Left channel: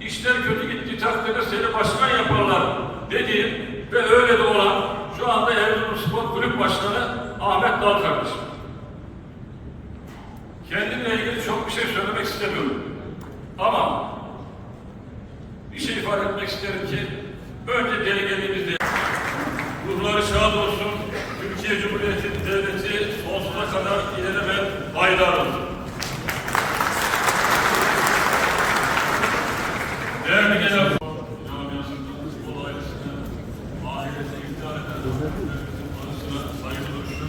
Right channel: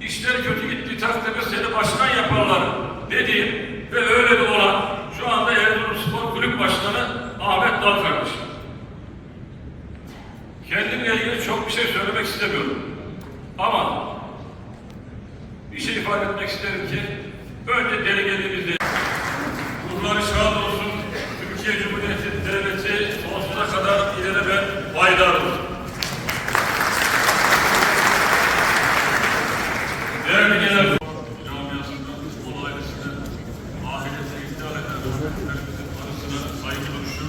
işler kötü gittiği takdirde seni başkan yaparlar dediğim ve öyle de olan şu anda Erzurumspor Kulüp Başkanı Ahmet Dal kardeşim. Kendimle ilgili çok bir şey söylemek istemiyorum. Ama bir şey ifade etmek isterim ki önce delegelimizde ruhları şad olsun. Türkiye Cumhuriyeti Devleti sonsuza kadar ilelebet baydardır. saygı duruşu